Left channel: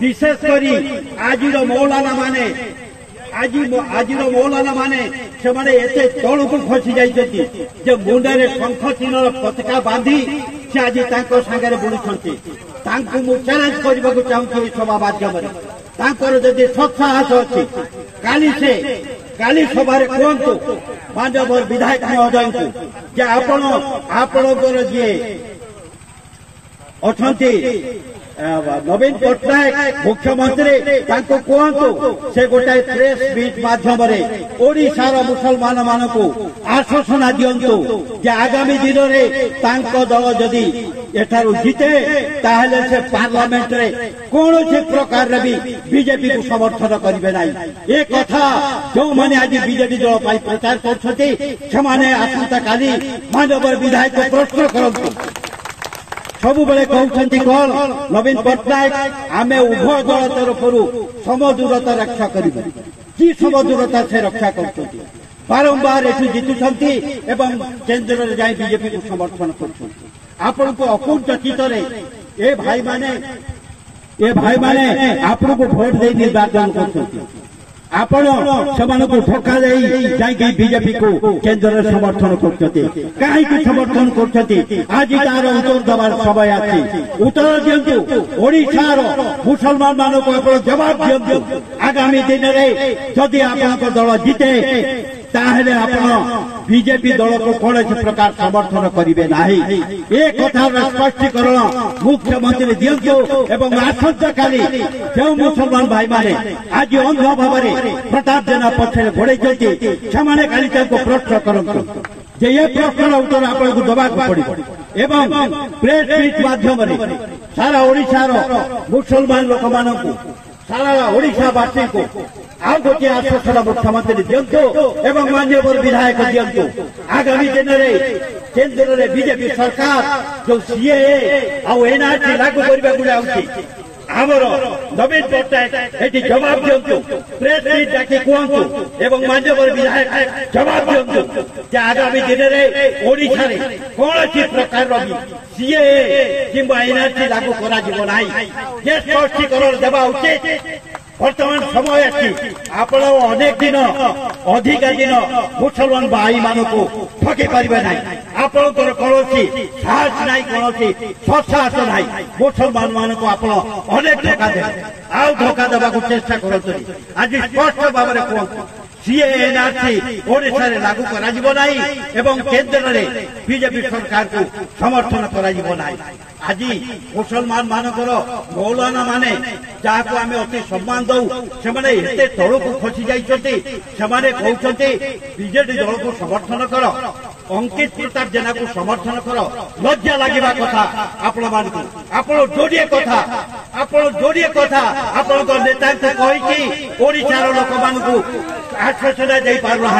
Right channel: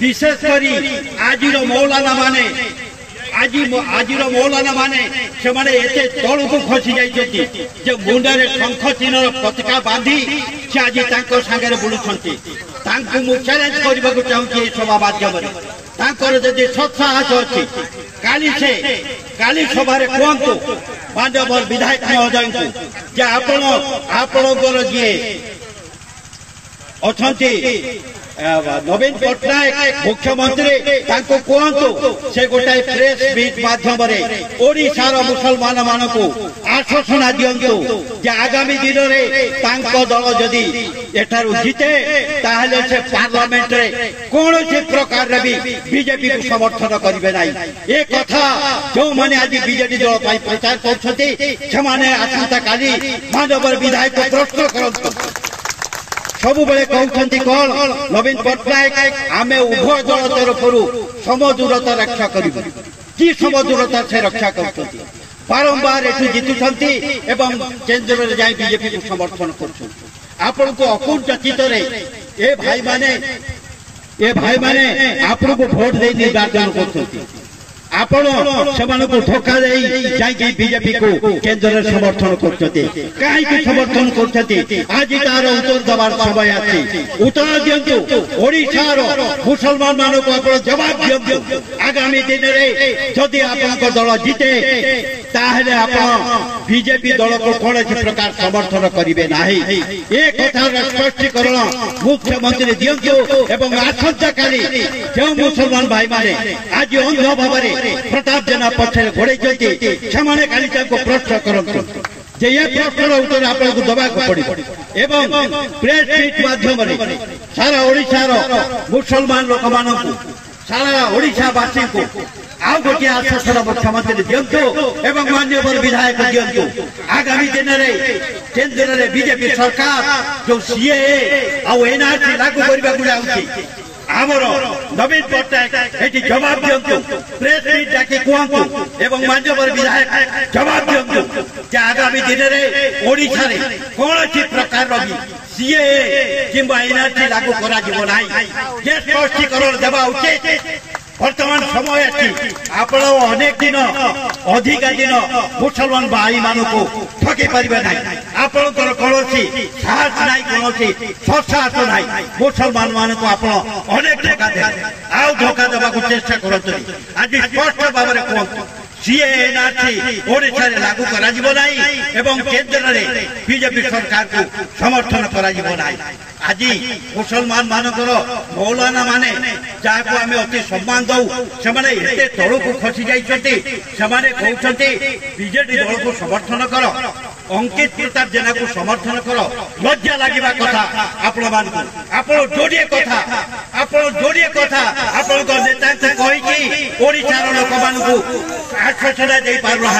विशेषकर आज मौलाना माने आज मौलाना माने से तौल को खसी जाइए मुंडे शंख चिन्ह पताका बांधी से आज सागर बुलूं मु चैलेंज करने को चाहूँगी सभा माध्यम जदि सत्साहस अच्छी काली सभा कहतु माननीय विधायक महोदय को आपणकर जी अच्छा नवीन पट्टनायक मुख्यमंत्री कहतु से गोटाए प्रेस मीट माध्यम ओडिशार मुसलमान मान को आश्वासना दिंतु जे आगामी दिन में दल जदि एठारू जीते ताहले से पार्लियामेंट रे कौन से प्रकार रे भी बीजेपी को समर्थन करेंगे ना। ये कथा जो मैंने आज बीजेपी दल पर प्रचार करते आसंता काली माननीय विधायक को प्रश्न करते सब बेले कहते कौन नवीन पट्टनायक आमे उभय दल तरफ समदूरता रक्षा कर समदूरता से रक्षा करते बारंबार एठू जीतुंट एवं केन्द्र में जाए बीजेपी को समर्थन कर आपण को अकुंठ चित्त ए भाई माने आपण को भोट दे निर्वाचन करते आपण से धोखा दे बीजेपी को केन्द्र में समर्थन करते कहीं समर्थन करते आज तार उत्तर देवार समय आछि उत्तर दिंतु ओडिशार मुसलमान मान को आप जवाब दिंतु आगामी दिन में जदि आप दल जीते ताहले आप बीजेपी दल को कौन प्रकार समर्थन करेंगे ना। ये कथार स्पष्टीकरण मुख्यमंत्री दिंतु एवं आसंता काली जो मुसलमान भाई माने आज अंध भाव प्रताप जेना पक्षे घोड़े से काली प्रश्न करते जे ये प्रश्न उत्तर आपको देवा पड़े एवं प्रेस मीट माध्यम सारा ओडिशार मुसलमान लोक मान सारा ओडिशावासी को आउ गोटे आश्वासन मुख्यमंत्री दिंतु एवं माननीय विधायक दिंतु आगामी दिन में केन्द्र में बीजेपी सरकार जो सीएए आउ एनआरसी लागू करने आमर नवीन पट्टनायक ये जवाब दिंतु प्रेस मीट डाकी कहतु एवं माननीय विधायक जवाब दिंतु जे आगामी दिन में ओडिशा रे कौन प्रकार सीएए किंबा एनआरसी लागू करा ये स्पष्टीकरण देवा उचित। वर्तमान समय अच्छी आप अनेक दिन अधिक दिन मुसलमान भाई मान को ठकी पारे ना आपणकर कौन साहस ना कौन सत्साहस ना मुसलमान मान को आप अनेक धोखा दे आउ धोखा देवा चेष्टा करते आज स्पष्ट भाव में कहतु सीए एनआरसी ओडिशा रे लागू करा जिवो नाही एवं केन्द्र रे बीजेपी सरकार को समर्थन करा जिवो नाही। आज मुसलमान मानकर मौलाना माने जहाँ को आम अति सम्मान दौ से तल को खसी जाइछन्ति कहते बीजेपी दल को समर्थन कर अंकित प्रताप जेना को समर्थन कर लज्जा लगे कथा आप जोड़े कथा आप नेता से कही ओडिशार लोक मान आश्वासना दे पारना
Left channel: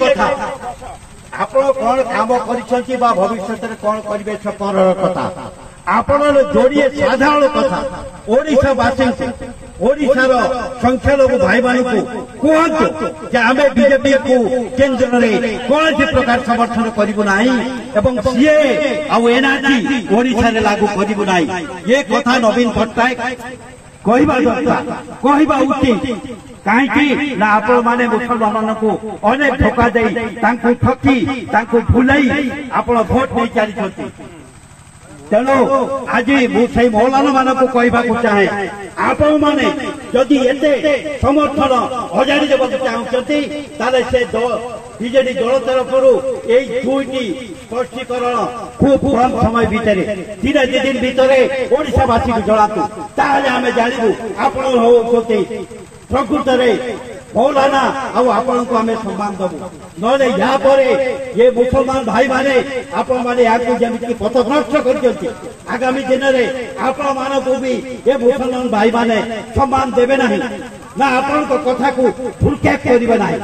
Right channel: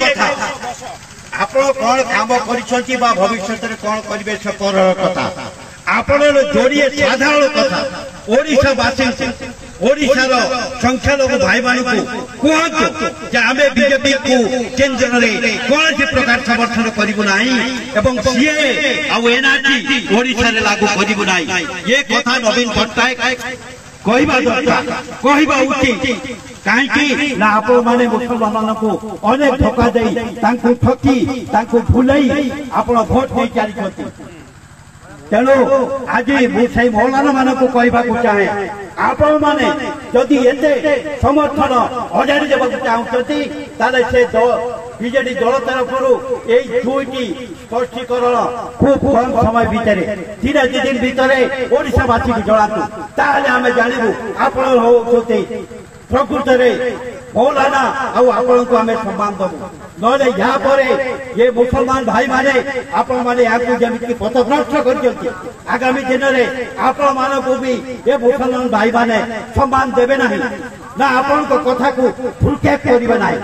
कथा आप कौन काम कर भविष्य में कौन करेंगे कथा आप जोड़िए साधारण कथा ओडिशावासी ओडिशार संख्यालघु भाई मान को कहतु आम बीजेपी को केन्द्र में कौन प्रकार समर्थन करूँ ना एवं सीए आउ एनआरसी ओडिशा रे लागू करूँ ना। ये कथा नवीन पट्टनायक कहवा दरकार कहवा उचित कहीं ना आप माने मुसलमान को अनेक धोखा दे ठकी भूलई आप भोट नहीं चली तेणु आज मुझे मौलाना मान को कहवा चाहे आप माने जदि एते समर्थन हजारी देवा चाहते से बीजेडी दल तरफ यही दुईटी स्पष्टीकरण खूब कम समय भितर 3 दिन भितर ओडिशावासी को जनातु ताहले आमे जानबू आपण होते प्रकृत मौलाना आपण को आमे सम्मान दबू नले यहाँ पर ये मुसलमान भाई माने आपण माने याकू जमिति पथभ्रष्ट करजंती आगामी दिन में आपण मान को भी ये मुसलमान भाई माने सम्मान देबे नाही ना आपण को कथा को फुलकेक करिबे नाही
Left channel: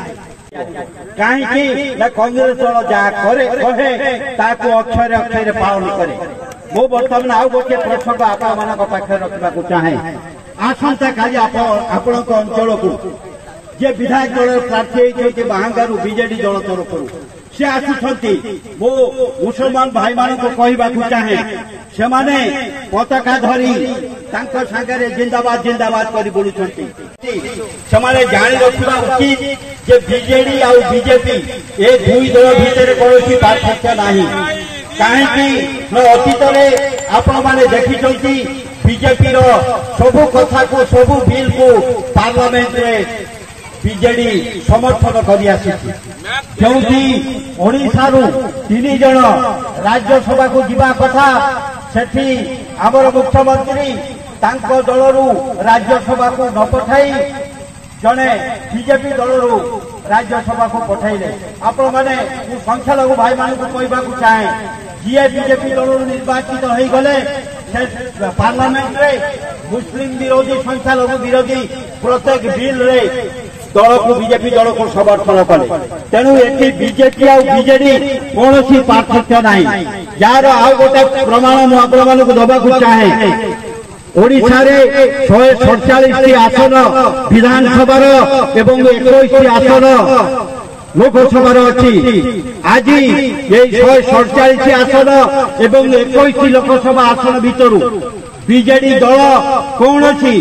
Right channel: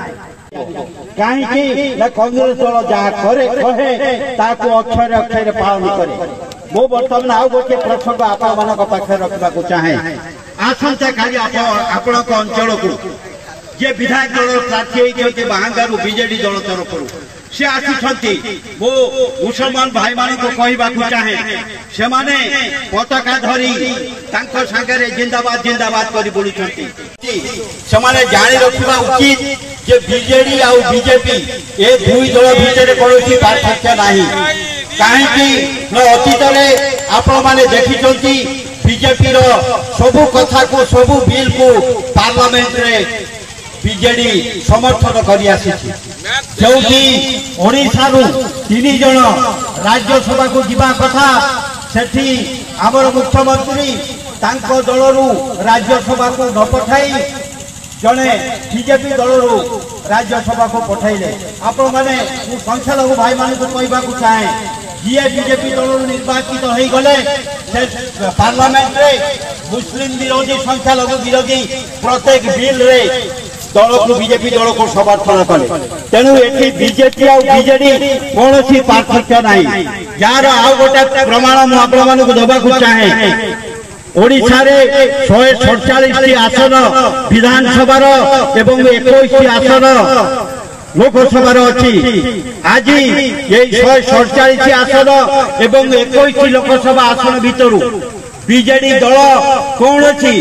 कहीं कांग्रेस दल जहाँ करे कहे अक्षर अक्षर पालन करे मो बर्तमान आउ गोटे प्रसंग आपण पाखे रखा चाहे आसंता काली आपण अंचल को जे विधायक दल प्रार्थी होती बाहांगारू बीजेडी दल तरफ से आसुछंती मो मुसलमान भाई मान को कहबा को चाहे से माने पताका धरी तांको सागरे जिंदाबाद जिंदाबाद करी बोलुछंती से माने जानि रखिबा उचित जे बीजेडी आ बीजेपी ए दुई दल भितर कोनोसी पार्थक्य नाही काहे कि न अतीत रे आपण माने देखिछंती बीजेपी रो सबु कथा को सबु बिल को पार्लियामेंट रे बीजेडी समर्थन करी आसी जोटी ओडिशा रु 3 जण राज्यसभा को जीवा कथा सेठी हमर मुख्यमंत्री तांको दलरु राज्यसभा को न पठाई जने बीजेपी दलरु राज्यसभा को पठाइले आपण माने संख्या लघु भाई माने को कहबा को चाहे जे बीजेपी दलरु निर्वाचित होई गले से पार्लियामेंट रे मुस्लिम विरोधी संख्या लघु विरोधी प्रत्येक बिल रे दल को बीजेपी दल को समर्थन कले तेणु एठी बीजेपी आ बीजेडी कोनोसी पार्थक्य नाही यार आ गोटे प्रमाण मु आपण मानक दबा को चाहे ओडिशा रे 147 आसन विधानसभा एवं 21 आसन लोकसभा अच्छी आज ये 147 आसन एवं 21 लोकसभा आसन भितर बीजेडी दल कौन अच्छी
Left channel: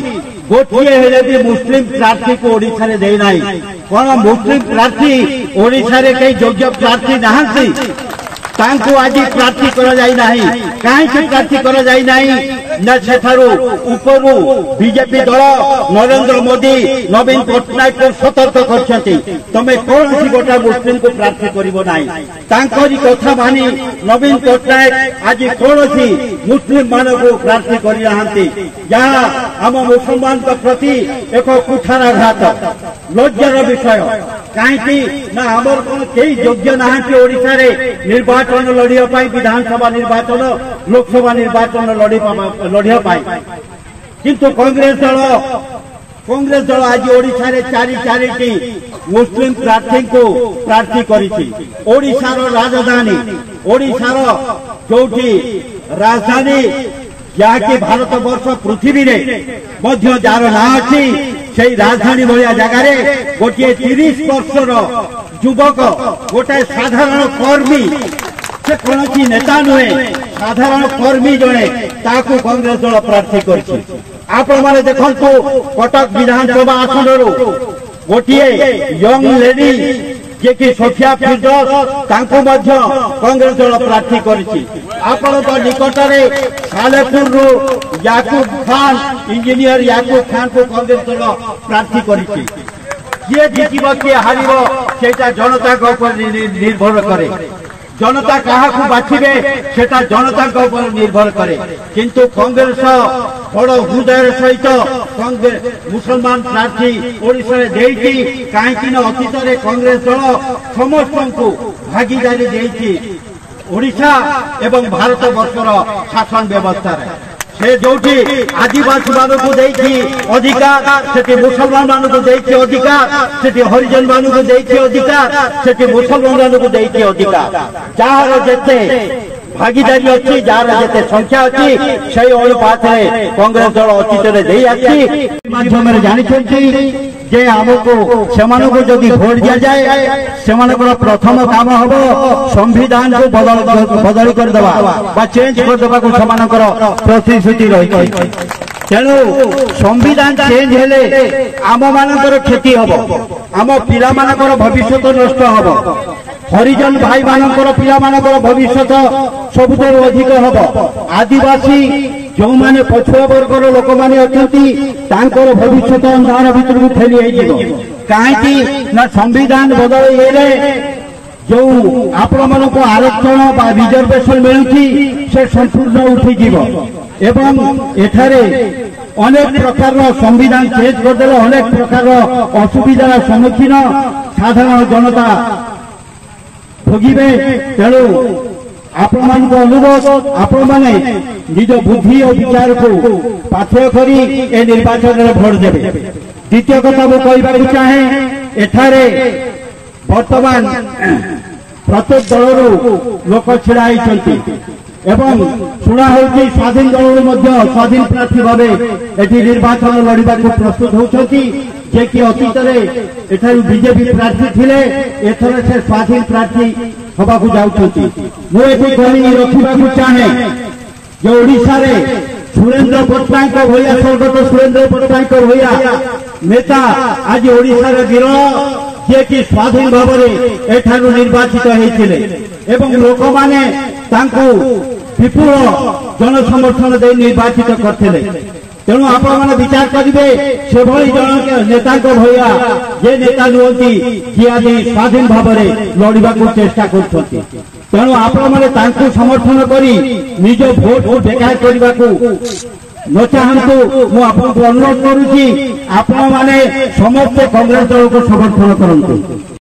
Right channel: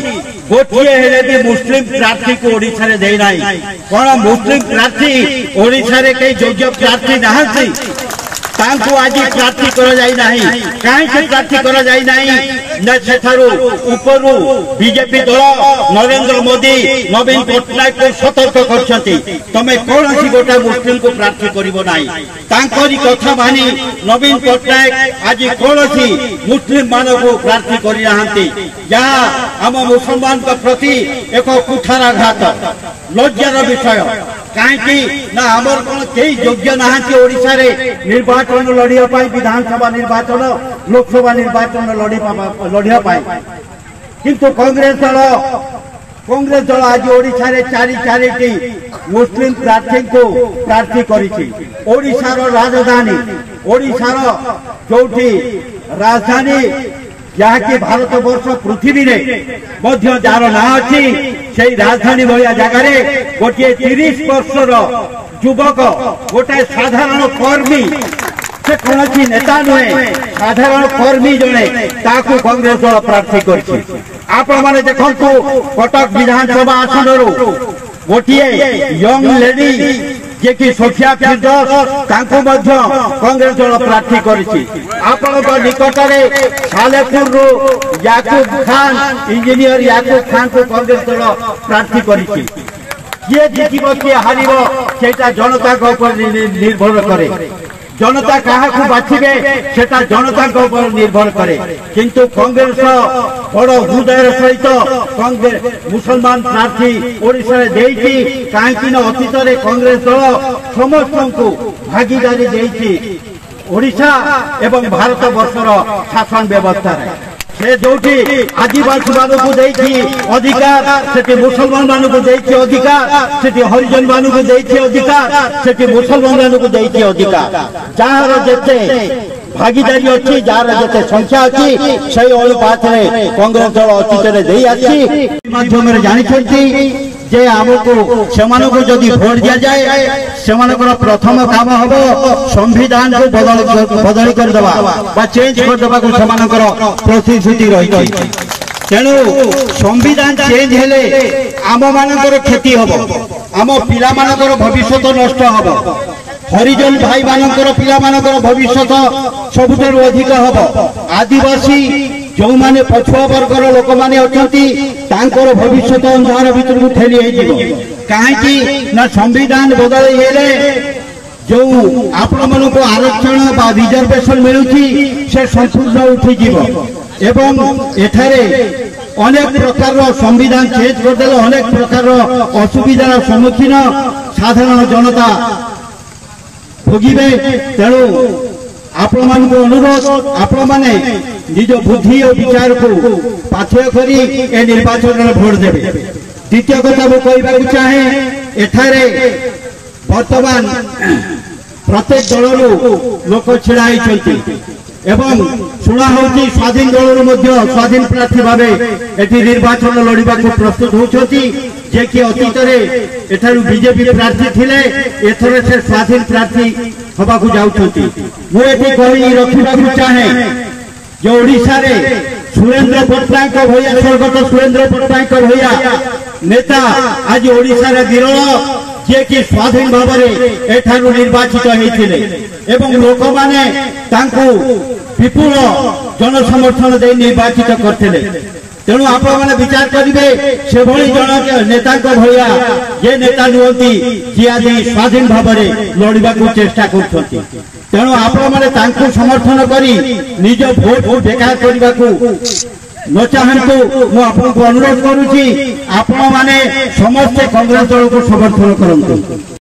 गोटे हेले भी मुस्लिम प्रार्थी को ओडिशा रे देई नाही कौन मुस्लिम प्रार्थी ओडिशा रे कई योग्य प्रार्थी नहांती तांको आज प्रार्थी करा जाई नाही काहे से प्रार्थी करा जाई नाही न सेठारो ऊपरु बीजेपी दल नरेंद्र मोदी नवीन पटनायक को सतर्क करछंती तमे कोनसी गोटा मुस्लिम को प्रार्थी करिवो नाही तांकोरी कथा मानी नवीन पटनायक आज कोनसी मुस्लिम मान को प्रार्थी करि नाहंती जहा हम मुसलमान के प्रति एक कुठाराघात लज्जार विषय काहे ना हमर कोन केई योग्य नाहंती ओडिशा रे निर्वाचन लड़िया पाई विधानसभा निर्वाचन लोकसभा निर्वाचन लड़िया पाई किंतु कांग्रेस दल आज ओडिशा रे चारिटी मुस्लिम प्रार्थी को प्रार्थी करिछि ओडिशार राजधानी ओडिशार जोठी राजधानी जहाँकि भारत वर्ष पृथ्वी रे मध्य जार ना अच्छी से राजधानी भाया जगार गोटे 30 वर्षर युवक गोटे साधारण कर्मी से कौन नेता नुहे साधारण कर्मी जड़े ताकू कांग्रेस दल प्रार्थी कर आपण माने देखंतु कटक विधानसभा आसन गोटे यंग लेडी जे कि सोफिया फिरदौस तांको मध्य कांग्रेस दल प्रार्थी करिछि आपण निकट में सालेपुर रो याकूब खान इंजीनियर याकूब खान को कांग्रेस दल प्रार्थी करिछि ये जीतिबो के हारिबो सेटा जनता को ऊपर निर्भर करे जनता कहा को बाछिबे सेटा जनता को ऊपर निर्भर करे किंतु कांग्रेस बड़ हृदय सहित कांग्रेस मुसलमान प्रार्थी ओडिशा रे देइछि काहेकि न अतीत रे कांग्रेस दल समस्त को भागीदारी देइछि ओडिशा एवं भारत वर्षर शासन व्यवस्था रे से जोठी आदिवासी मान को देइछि अधिकार सेठी मुसलमान मान को देइछि अधिकार सेठी हरिजन मान को देइछि अधिकार सेठी मुसलमान मान को देइछि अधिकार जहार जेते भागीदारी अच्छी जार जेते संख्या अच्छी से अनुपात रे कांग्रेस दल अतीत रे देई आछि माध्यम रे जानि छथि जे हमको सेमानो को जदि भोट दिया जाए सेमानकर प्रथम काम हबो संविधान को बदल कर देबा बा चेंज कर देबा को सेमानकर प्रतिश्रुति रही तेणु संविधान चेंज हेले आम मानकर क्षति हबो आम पिला मानकर भविष्य नष्ट हबो हरिजन भाई मानकर पिला मानकर भविष्य सबुठारु अधिक हबो आदिवासी जो माने पछुआ वर्गर लोक माने अछंती तांकर भविष्य अंधार भीतर को ठेली हेजिबो काहेकि ना संविधान बदल हेले जो आपण मन को आरक्षण बा रिजर्वेशन मिलुची से संपूर्ण उठी जीवो एवं एठारे अनेक प्रकार संविधान चेंज कर देले अनेक प्रकार असुविधार सम्मुखीन साधारण जनता भोगिबे तेणु आपण मान को अनुरोध आपण माने निज बुद्धि और विचार को पाथ्य करी ए निर्वाचन में भोट देबे द्वितीय कथा मु कहबा चाहे एठारे वर्तमान प्रत्येक दलरू लोक छिड़ा होइछंती एवं शुणा होची स्वाधीन दल स्वाधीन प्रार्थी भाव एटी निर्वाचन लड़वा प्रस्तुत होती जे कि अतीत बीजेपी प्रार्थी थिले एथर से स्वाधीन प्रार्थी हवा को जाउछंती मुझे कही रखा चाहे जो ओडिशा रे सुरेंद्र पट्टनायक भैया स्वर्गत सुरेंद्र पट्टनायक भैया नेता आज ओडिशा रे विरल जे कि स्वाधीन भाव एठारु निर्वाचित होते एवं लोक माने तांको विपुल जनसमर्थन दे निर्वाचित करते तेणु आपण मैंने विचार करेंगे से भली जन नेता भैया जे नेता नुहति जी आज स्वाधीन भाव लड़वा चेष्टा कर तेणु आपण मैंने समर्थन करी निज भोट को बेकार करने को न चाहतु मुझे अनुरोध करुच्ची आपण मैंने समस्ते कांग्रेस दल को समर्थन करंतु।